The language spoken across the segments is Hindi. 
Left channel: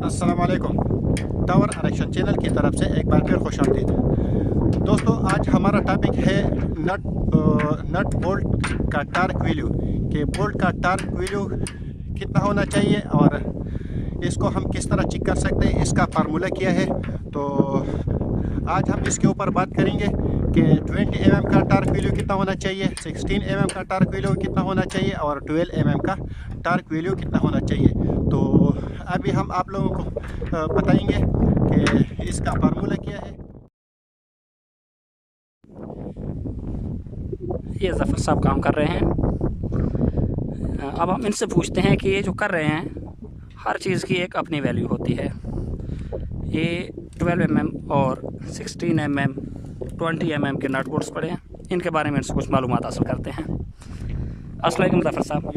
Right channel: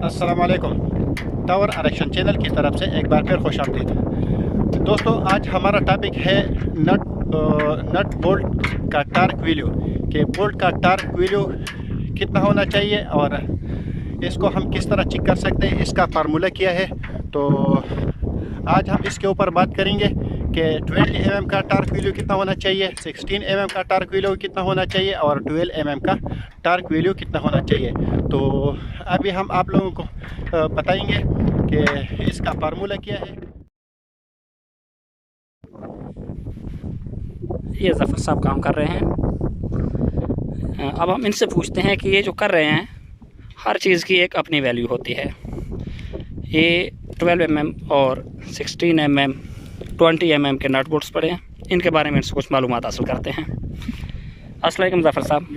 अस्सलाम वालेकुम। टावर आरक्षण चैनल की तरफ से एक बार फिर खुशामदीद। दोस्तों, आज हमारा टॉपिक है नट बोल्ट का टार्क वैल्यू, कि बोल्ट का टार्क वैल्यू कितना होना चाहिए और इसको हम किस तरह चेक कर सकते हैं, इसका फार्मूला क्या है। तो आज हम इसके ऊपर बात करेंगे कि 20 mm का टार्क वैल्यू कितना होना चाहिए, 16 mm का टार्क वैल्यू कितना होना चाहिए और 12 mm का टार्क वैल्यू कितना होना चाहिए। तो अभी हम आप लोगों को बताएंगे कि इसका फार्मूला क्या है। ये ज़फ़र साहब काम कर रहे हैं। अब हम इनसे पूछते हैं कि ये जो कर रहे हैं, हर चीज़ की एक अपनी वैल्यू होती है। ये 12 mm और 16 mm 20 mm के नट बोल्ट्स पड़े हैं, इनके बारे में इनसे कुछ मालूमात हासिल करते हैं। अस्सलाम वालेकुम ज़फ़र साहब।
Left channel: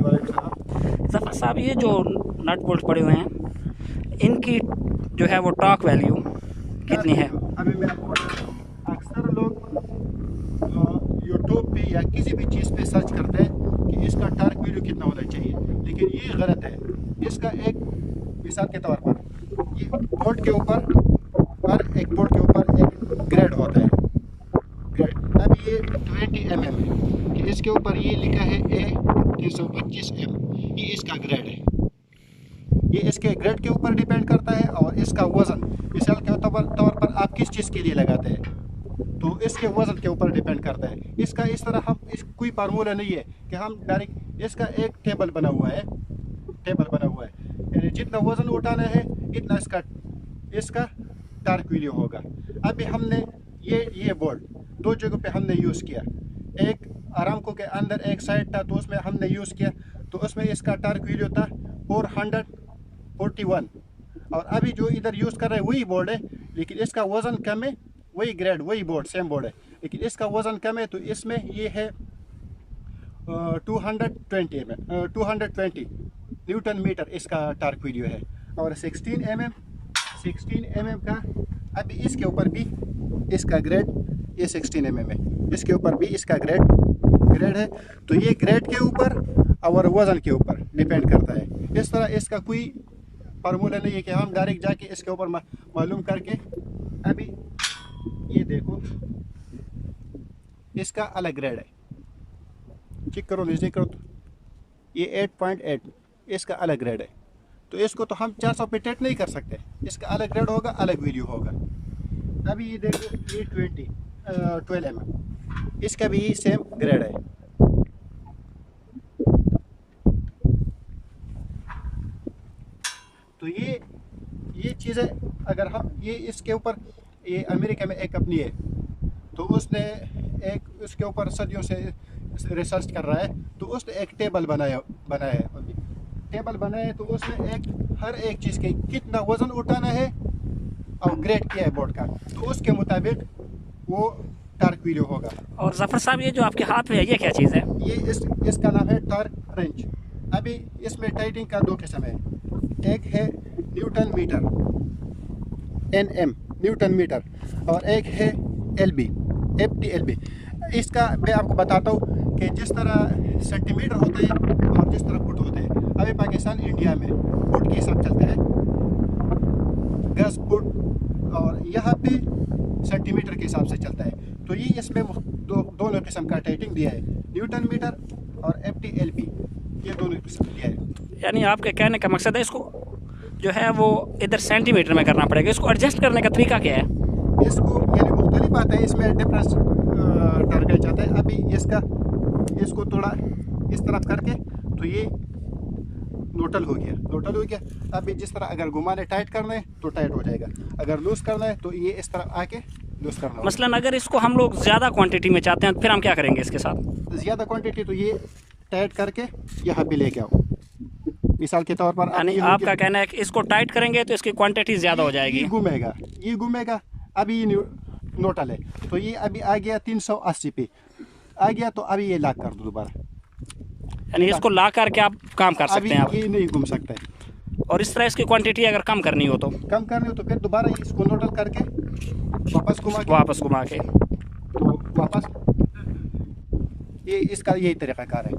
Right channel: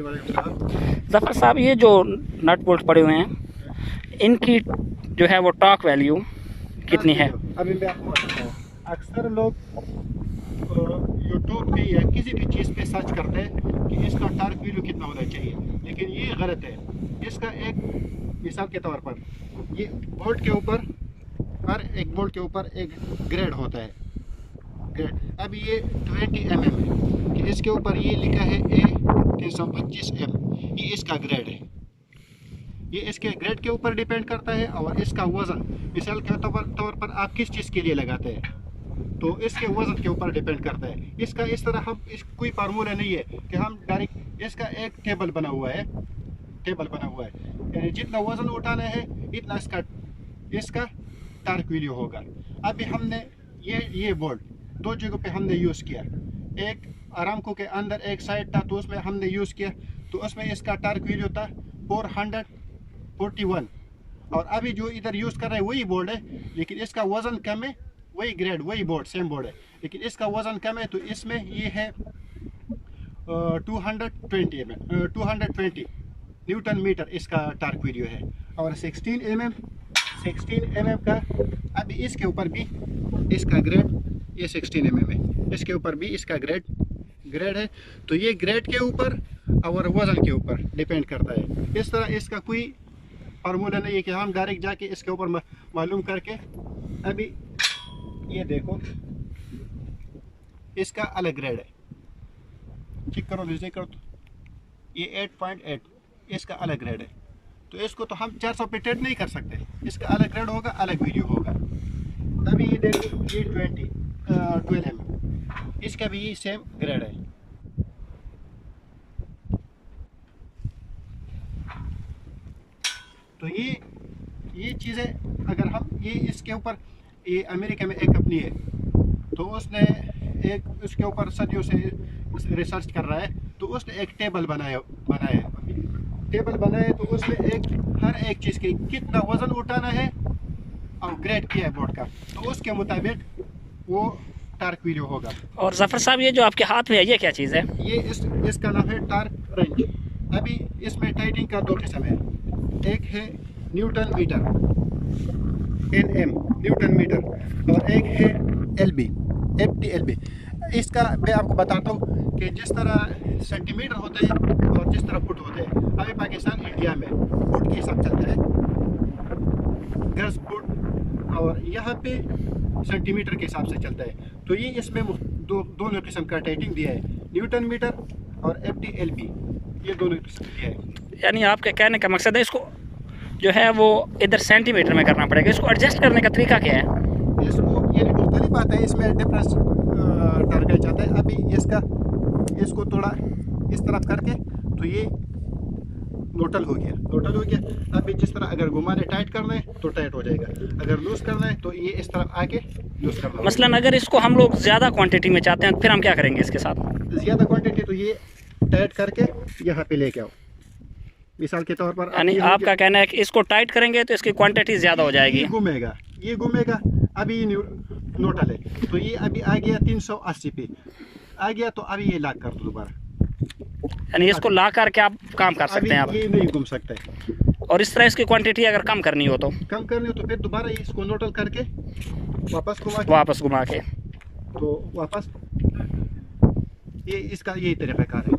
ज़फ़र साहब, ये जो नट बोल्ट पड़े हुए हैं, इनकी जो है वो टॉर्क वैल्यू कितनी है? अभी मैं आपको बताता हूँ। अक्सर लोग यूट्यूब पे या किसी भी चीज़ पे सर्च करते हैं कि इसका टार्क वैल्यू कितना होना चाहिए, लेकिन ये गलत है। इसका एक मिसाल के तौर पर ये बोल्ट के ऊपर, हर एक बोल्ट के ऊपर एक ग्रेड होता है। ग्रेड अब ये 20 mm है कि इसके ऊपर ये लिखा है A325M, ये इसका ग्रेड है। ये इसके ग्रेड के ऊपर डिपेंड करता है और इसका वज़न मिसाल के तौर पर आप किस चीज़ के लिए लगाते हैं, तो इसके वज़न के ऊपर डिपेंड करता है। इसका इस तरह हम कोई फार्मूला नहीं है कि हम डायरेक्ट, इसका एक टेबल बना हुआ है, यानी जितना वज़न उठाना है इतना इसका टार्क वैल्यू होगा। अभी हमने ये बोर्ड दो जगहों पे हमने यूज़ किया। एक आरामको के अंदर एक साइड था, तो उसमें हमने यूज़ किया, तो उसमें इसका टार्क वैल्यू था 441। और अभी जो इधर यूज़ कर रहे हैं वही बोर्ड है, लेकिन इसका वज़न कम है, वही ग्रेड वही बोर्ड सेम बोर्ड है, लेकिन इसका वज़न कम है, तो इसमें ये है 220 न्यूटन मीटर इसका टार्क वैल्यू है। और 16 mm का, अभी इसके ऊपर भी इसका ग्रेड, ये 16 mm है, इसके ऊपर भी इसका ग्रेड है। तो ये ग्रेड के ऊपर और वज़न के ऊपर डिपेंड करता है। इस तरह इसका कोई फार्मूला नहीं है कि हम डायरेक्ट जाके इसके ऊपर मालूम करके। अभी ये देखो, इसका अलग ग्रेड है, चेक करो, चेक करो, ये 8.8 इसका अलग ग्रेड है। तो इसको तो हम 400 पे टेट नहीं कर सकते, इसका अलग ग्रेड होगा, अलग वीडियो होगा। अभी ये देखो, ये 12 mm, इसका भी सेम ग्रेड है। तो ये चीज़ें अगर हम ये इसके ऊपर, ये अमेरिका में एक कंपनी है, तो उसने एक उसके ऊपर सदियों से रिसर्च कर रहा है, तो उसने एक टेबल बनाया तो उसने हर एक चीज़ के कितना वज़न उठाना है और ग्रेड किया है बोर्ड का, तो उसके मुताबिक वो टार्क वैल्यू होगा। और ज़फ़र साहब, ये जो आपके हाथ में है, ये क्या चीज़ है? ये इसका नाम है टार्क रेंज। अभी इसमें टाइटिंग का दो किस्म है, एक है newton metre, NM newton metre, और एक है LB, FTLB। इसका मैं आपको बताता हूँ कि जिस तरह सेंटीमीटर होते हैं और जिस तरह फुट होते हैं। अभी पाकिस्तान इंडिया में फुट के हिसाब चलता है, गज फुट, और यहाँ पे सेंटीमीटर के हिसाब से चलता है। तो ये इसमें दोनों किस्म का टाइटिंग दिया है, न्यूटन मीटर और FTLB, ये दोनों किस्म दिया है। यानी आपके कहने का मकसद है, इसको जो है वो इधर सेंटीमीटर में करना पड़ेगा। इसको एडजस्ट करने का तरीका क्या है? इसको यानी मुख्तलिफ बात है, इसमें डिफरेंस टारगेट जाता है। अभी इसको थोड़ा इस तरफ करके, तो ये नोटल हो गया। अभी जिस तरह अगर घुमाने टाइट करना है तो टाइट हो जाएगा, अगर लूज करना है तो ये इस तरफ आके लूज करना है। मसलन अगर इसको हम लोग ज़्यादा क्वांटिटी में चाहते हैं, तो फिर हम क्या करेंगे इसके साथ? ज़्यादा क्वांटिटी, तो ये टाइट करके यहाँ पे लेके आओ, मिसाल के तौर पर। यानी आपका कहना है कि इसको टाइट करेंगे तो इसकी क्वांटिटी ज़्यादा हो जाएगी। ये घूमेगा। अभी ये नोटल है, तो ये अभी आ गया 380 पे आ गया, तो अभी ये लॉक कर दो दोबारा। यानी इसको ला करके आप काम कर सकते हैं आप। ये नहीं घूम सकते। और इस तरह इसकी क्वांटिटी अगर कम करनी हो तो फिर दोबारा इसको नोटल करके वापस घुमा के, तो वापस ये इसका यही तरीक़ाकार है।